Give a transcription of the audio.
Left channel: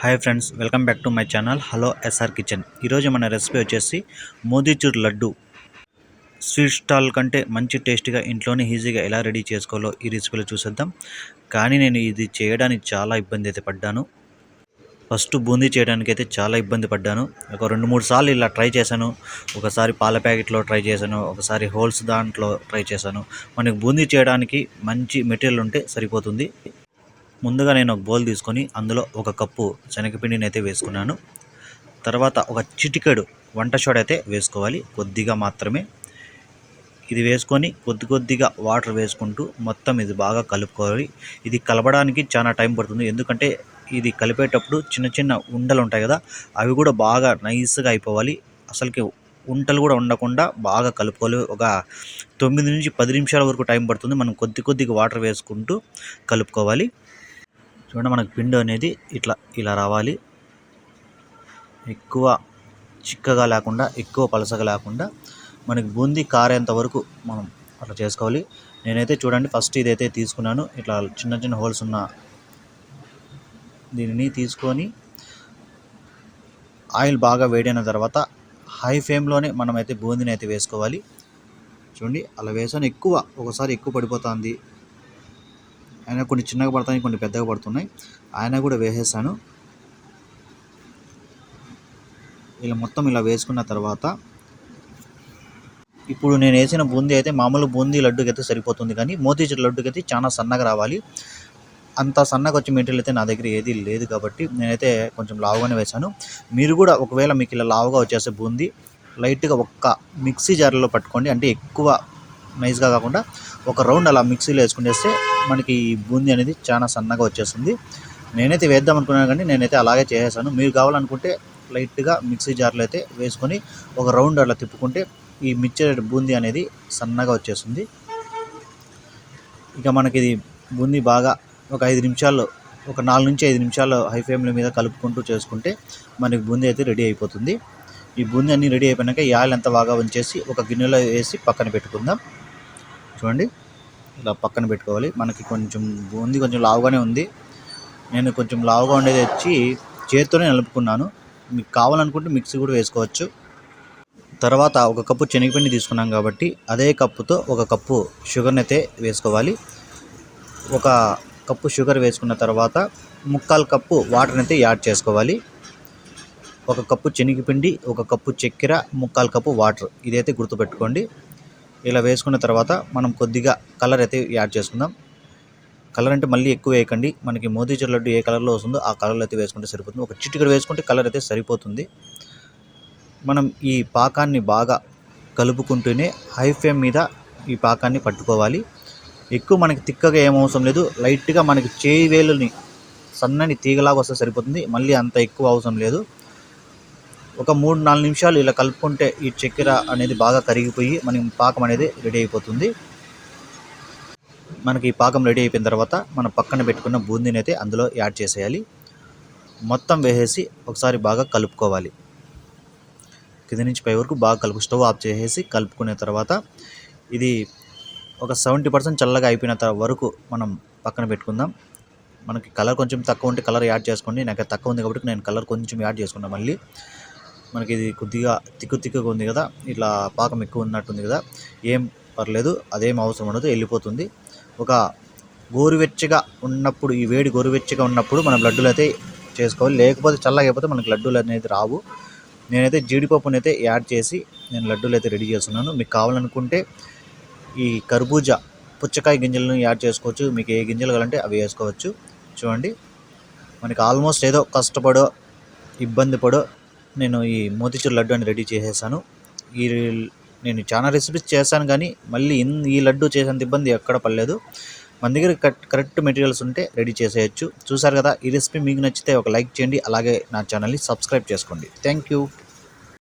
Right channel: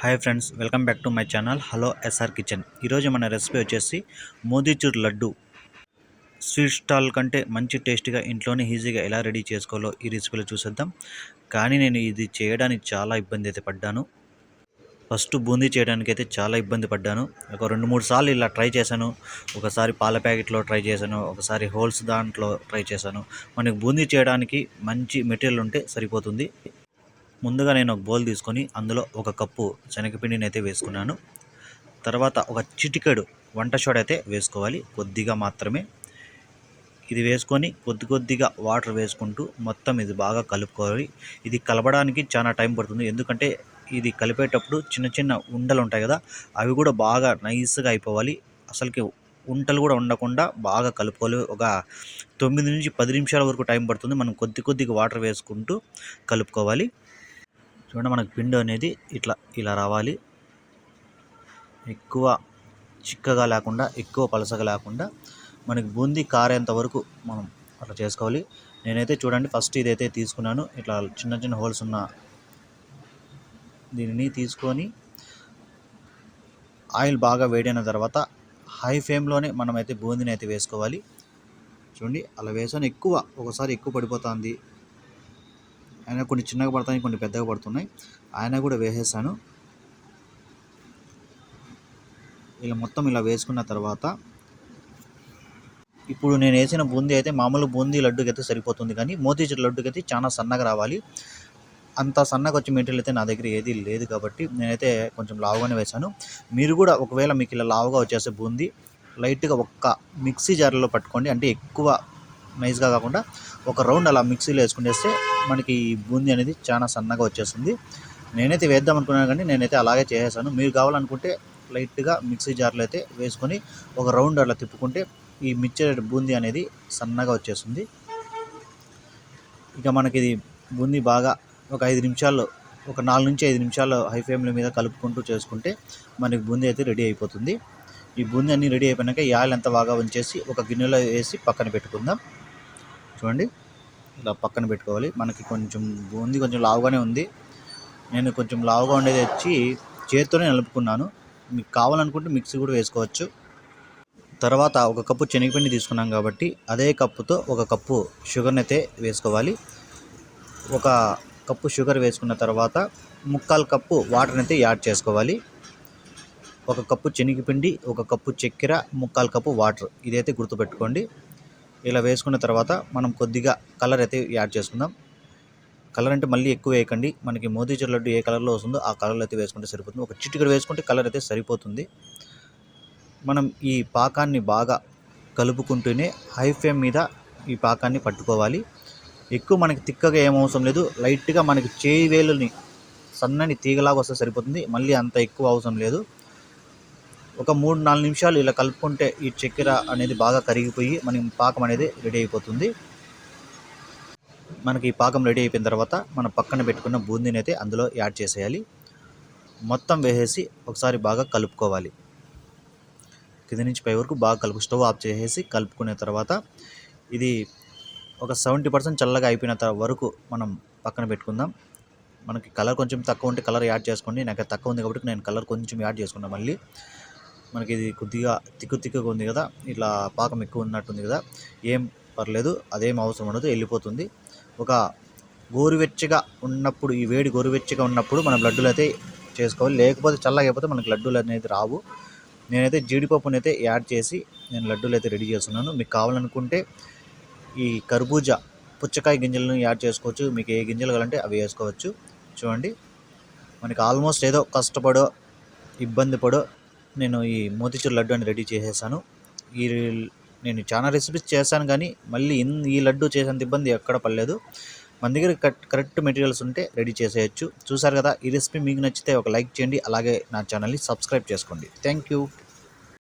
Hi friends welcome back to my channel hello SR kitchen ఈరోజు మన recipe వచ్చేసి మోదీచూర్ laddu. Sweet stall కంటే మంచి టేస్ట్గా ఇంట్లోనే ఈజీగా ఎలా రెడీ చేసుకోవాలో ఈ రెసిపీలో చూసేద్దాం. కానీ నేను ఇది చేయడానికి చాలా ఇబ్బంది అయితే పడ్డాను. ఫస్ట్ బూందీ చేయడానికి అయితే చాలా ఇబ్బంది పడ్డాను. ఒక రెండు మూడు సార్లు ఇలా ట్రై చేశాను. ఒకసారి పాల ప్యాకెట్లో ట్రై చేశాను. ఒకసారి హోల్స్ దాంట్లో ట్రై చేశాను. మనకి బూందీ చేయడానికి మంచి మెటీరియల్ ఉంటే సరిపోతుంది. ముందుగా నేను ఒక బౌల్ తీసుకొని అందులో ఒక కప్పు శనగపిండిని అయితే వేసుకున్నాను. తర్వాత ఒక చిటికెడు వంట సోడా అయితే వేసుకోవాలి. కొద్దిగా మాత్రమే. ఇది వేసుకొని కొద్ది కొద్దిగా వాటర్ వేసుకుంటూ మొత్తం ఇది బాగా కలుపుకోవాలి. ఇది కలపడానికి చాలా టైం పడుతుంది. ఎందుకంటే ఇది కలిపేటప్పుడు చిన్న చిన్న ఉండలు ఉంటాయి కదా అవి కూడా బాగా నైస్గా అయిపోవాలి. అసలుకి ఉంటలు కూడా ఉండకుండా బాగా కలుపుకోవాలి. ఒక తొమ్మిది నుంచి పది నిమిషాల వరకు టైం పడుతుంది. మనం కొద్ది కొద్దిగా వాటర్ వేసుకుంటూ కలుపుకోవాలి. చూడండి మనకు పిండి అనేది ఇట్లా ఇలా రావాలి. ఎక్కువ చిక్కగా లేకుండా ఎక్కువ పలసగా లేకుండా మనకి బూందీ కారేంత వరకు మనం అట్లా చేసుకోవాలి. నేనైతే చూడండి ఫస్ట్ ఇదైతే తీసుకున్నాను. ఇట్లా చిన్న చిన్న హోల్స్ ఉన్న దీనిని తీసుకొని ఆయిల్ బాగా వేడైన తర్వాత హై ఫ్లేమ్లోనే మనమైతే బూందీని అయితే వేసుకోవాలి. చూడండి అలా వేసాను. ఎక్కువ ఒకసారి ఎక్కువ పడిపోతుంది. అయినా కొన్ని చిన్నగా పడతాయి కొన్ని పెద్దగా పడుతున్నాయి. ఆయన కూడా వేసేసాను. ఇలా మొత్తం ఇలా వేసుకున్న తర్వాత ఇప్పుడు నేను వేసిన బూందీ అయితే మామూలు బూందీ లడ్డుకి అయితే సరిపోతుంది కానీ మోతీచూర్ లడ్డుకి అయితే చాలా సన్నగా రావాలి. అంత సన్నగా వచ్చే మెటీరియల్ అయితే నా దగ్గర ఏది లేదు కాబట్టి నేనైతే కొంచెం లావుగానే వేశాను. మీరు కూడా ఒకవేళ మీకు ఇలా లావుగా వచ్చేసే బూందీ లైట్గా ఒక్క మిక్సీ జార్లో పట్టుకోండి. అంటే ఎక్కువ నైస్గా కాకుండా ఒక రౌండ్ అలా మిక్సీలో వేసుకునేస్తే మనకి ఈ బూందీ అనేది చాలా సన్నగా వచ్చేస్తుంది. నేనైతే వేద్దాం అనుకున్నాను కానీ నేనైతే అలాగే చేసేసాను. మీరు కావాలనుకుంటే లైట్గా మిక్సీ జార్లో అయితే వేసుకొని ఒక రౌండ్ అలా తిప్పుకుంటే ఈ మిక్చర్ బూందీ అనేది సన్నగా వచ్చేస్తుంది. ఇక మనకి ఇది బూందీ బాగా ఒక ఐదు నిమిషాల్లో ఒక నాలుగు నుంచి ఐదు నిమిషాలు హై ఫ్లేమ్ల మీద కలుపుకుంటూ చేసుకుంటే మనకి బూందీ అయితే రెడీ అయిపోతుంది. ఈ బూందీ అన్నీ రెడీ అయిపోయినాక ఈ ఆయిల్ అంతా బాగా ఉంచేసి ఒక గిన్నెలో వేసి పక్కన పెట్టుకుందాం. చూడండి. ఇలా పక్కన పెట్టుకోవాలి. మనకి కొంచెం ఉంది కొంచెం లావుగానే ఉంది. నేను కొంచెం లావుగా ఉండేది వచ్చి చేతితోనే నలుపుకున్నాను. మీకు కావాలనుకుంటే మిక్సీ కూడా వేసుకోవచ్చు. తర్వాత ఒక కప్పు శనగపిండి తీసుకున్నాం కాబట్టి అదే కప్పుతో ఒక కప్పు షుగర్ని అయితే వేసుకోవాలి. ఒక కప్పు షుగర్ వేసుకున్న తర్వాత ముక్కాలు కప్పు వాటర్ని అయితే యాడ్ చేసుకోవాలి. ఒక కప్పు శనగపిండి ఒక కప్పు చక్కెర ముక్కాలు కప్పు వాటర్. ఇదైతే గుర్తుపెట్టుకోండి. ఇలా వేసుకున్న తర్వాత మనం కొద్దిగా కలర్ అయితే యాడ్ చేసుకుందాం. కలర్ అంటే మళ్ళీ ఎక్కువ వేయకండి. మనకి మోతీచూర్ లడ్డు ఏ కలర్లో వస్తుందో ఆ కలర్లో అయితే వేసుకుంటే సరిపోతుంది. ఒక చిటికడ వేసుకుంటే కలర్ అయితే సరిపోతుంది. మనం ఈ పాకాన్ని బాగా కలుపుకుంటూనే హై ఫ్లేమ్ మీద ఈ పాకాన్ని పట్టుకోవాలి. ఎక్కువ మనకి తిక్కగా ఏం అవసరం లేదు. లైట్గా మనకి చేయి వేలుని సన్నని తీగలాగా వస్తే సరిపోతుంది. మళ్ళీ అంత ఎక్కువ అవసరం లేదు. ఒక మూడు నాలుగు నిమిషాలు ఇలా కలుపుకుంటే ఈ చక్కెర అనేది బాగా కరిగిపోయి మనకి పాకం అనేది రెడీ అయిపోతుంది. మనకి ఈ పాకం రెడీ అయిపోయిన తర్వాత మనం పక్కన పెట్టుకున్న బూందీని అయితే అందులో యాడ్ చేసేయాలి. మొత్తం వేసేసి ఒకసారి బాగా కలుపుకోవాలి. కింద నుంచి పై వరకు బాగా కలుపు స్టవ్ ఆఫ్ చేసేసి కలుపుకునే తర్వాత ఇది ఒక సెవెంటీ పర్సెంట్ చల్లగా అయిపోయిన వరకు మనం పక్కన పెట్టుకుందాం. మనకి కలర్ కొంచెం తక్కువ ఉంటే కలర్ యాడ్ చేసుకోండి. నాకు తక్కువ ఉంది కాబట్టి నేను కలర్ కొంచెం యాడ్ చేసుకున్నాను మళ్ళీ. మనకి ఇది కొద్దిగా తిక్కు తిక్కుగా ఉంది కదా ఇట్లా పాకం ఎక్కువ ఉన్నట్టుంది కదా ఏం పర్లేదు అదేం అవసరం ఉండదు వెళ్ళిపోతుంది. ఒక గోరువెచ్చగా ఉన్నప్పుడు ఈ వేడి గోరువెచ్చగా ఉన్నప్పుడు మనం లడ్డూలు అయితే చేసుకోవాలి. లేకపోతే చల్లగా అయిపోతే మనకి లడ్డూలు అనేది రావు. నేనైతే జీడిపప్పుని అయితే యాడ్ చేసి నేను లడ్డూలు అయితే రెడీ చేస్తున్నాను. మీకు కావాలనుకుంటే ఈ కర్బూజా పుచ్చకాయ గింజలను యాడ్ చేసుకోవచ్చు. మీకు ఏ గింజలు కావాలంటే అవి వేసుకోవచ్చు. చూడండి. మనకి ఆల్మోస్ట్ ఏదో కష్టపడో ఇబ్బంది పడో నేను ఈ మోతిచూర్ లడ్డు అని రెడీ చేసేసాను. ఈ నేను చాలా రెసిపీస్ చేశాను కానీ మళ్ళీ ఈ లడ్డు చేసేంత ఇబ్బంది ఎక్కడ పడలేదు. మన దగ్గర కరెక్ట్ మెటీరియల్స్ ఉంటే రెడీ చేసేయచ్చు. చూసారు కదా ఈ రెసిపీ మీకు నచ్చితే ఒక లైక్ చేయండి. అలాగే నా ఛానల్ని సబ్స్క్రైబ్ చేసుకోండి. Thank you.